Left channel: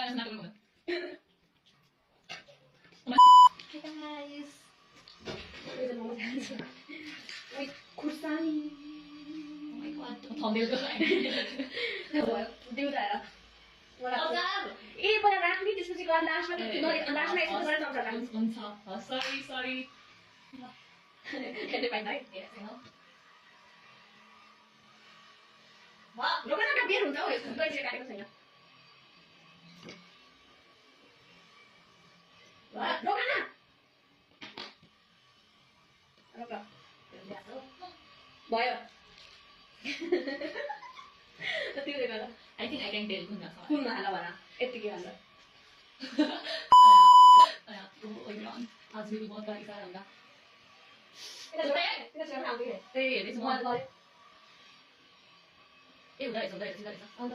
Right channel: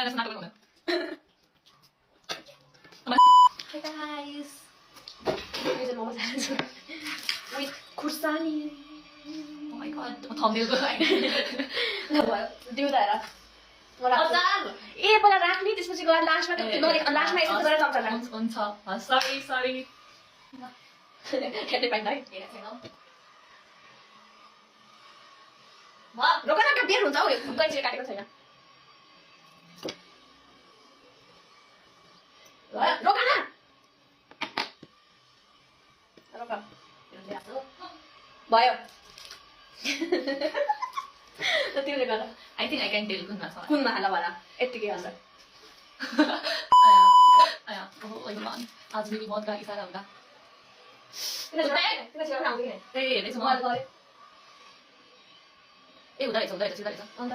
Ayan, nasa natin muna. Hi guys! Here's a moment with Kursani. Oh my god, thumbnail ko ay. दिउँदा ए पहिला राख्ने त्यसपछि गएर लास्टमा लास्टमा यसो गरेर चम्चा राख्नु हुन्छ सरी हेर्दै पाइन्न है रोक न त्यो बेर हुन्छ हौ कैँचीले काटेको छैन रोक न रोक भयो तिमीले गर I think I can tell कुनमा हाल भन यतिकै अन्त आया oh my god आज मेरी मौत का इशारा होगा किन छेउमा आउँदैन ए हेर्दै छु म मैले गरे ए हुँदा रहेछ अन्त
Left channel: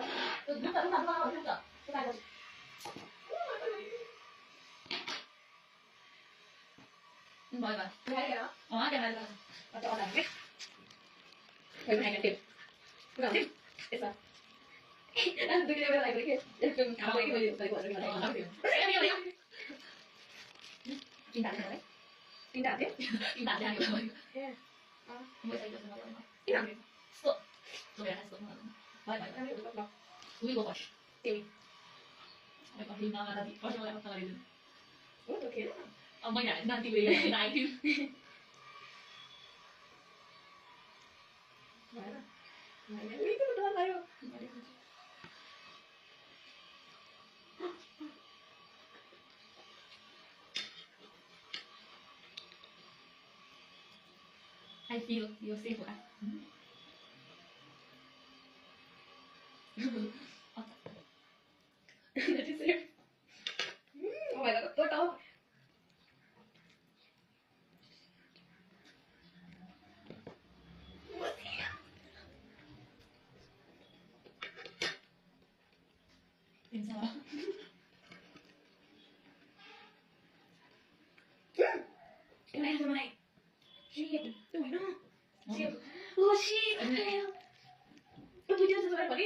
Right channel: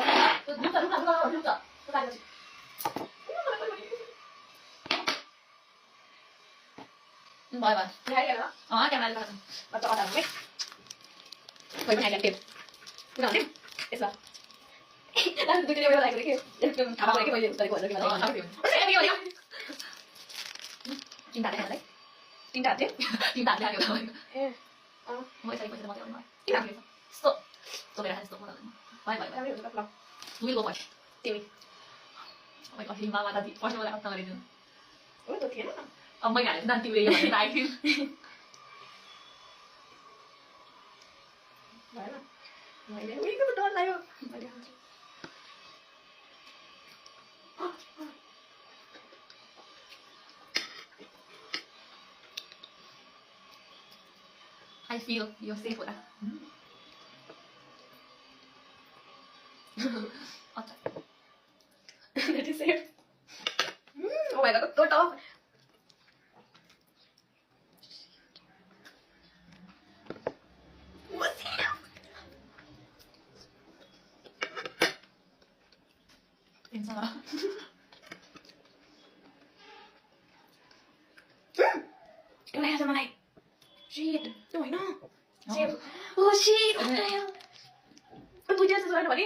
रुक काटेपछि बाय बाय ल्याएर क्यामेरा देखा अझ अझ है कोही पनि आइकन टेप पुरा हुने यसमा लास्ट दुई दिन लागेको के एकदम थाहा भयो कि मैले गरेको भनेर के मलाई चिन्ता देखाउँदै तीनटा हात थियो चिन्ता देखाएको ए म यसै पैसा मात्रै आउने किन यस्तो तो मेरा यस्तो म बाय बाय राम्रो हुन्छ ल तु विल गो फर्स्ट तिमी ओ माय गॉड हिमा माता दी फर्स्ट मलाई हप्ता गरिदिनु हो त थिएन अब मैले हालेँ न तिमीले यो भनेर आइथियो भएन मैले उहीको डर लाग्यो मैले खान्छु I feel you're safe with that. That is safe. Oh my god, so tough. What's here? Inshallah. एउटा आएछ मलाई Shit, त्यो होइन Shit. Oh shit, what the hell? दुईटा जस्तो गरेर भने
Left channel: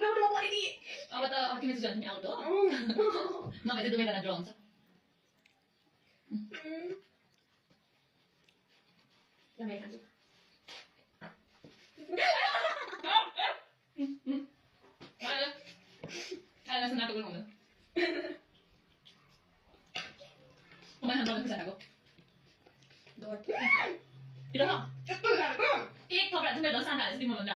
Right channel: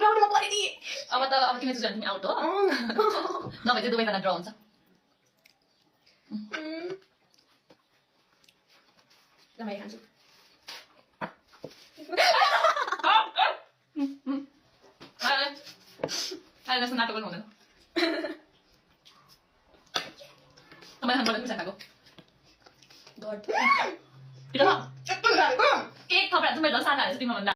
राउन्ड म परिदिए अब तिमी चाहिँ तिमी आउट हो नभए चाहिँ दुवैजना ड्र हुन्छ ल मैले खान्छु नाटक गर्नु हुँदैन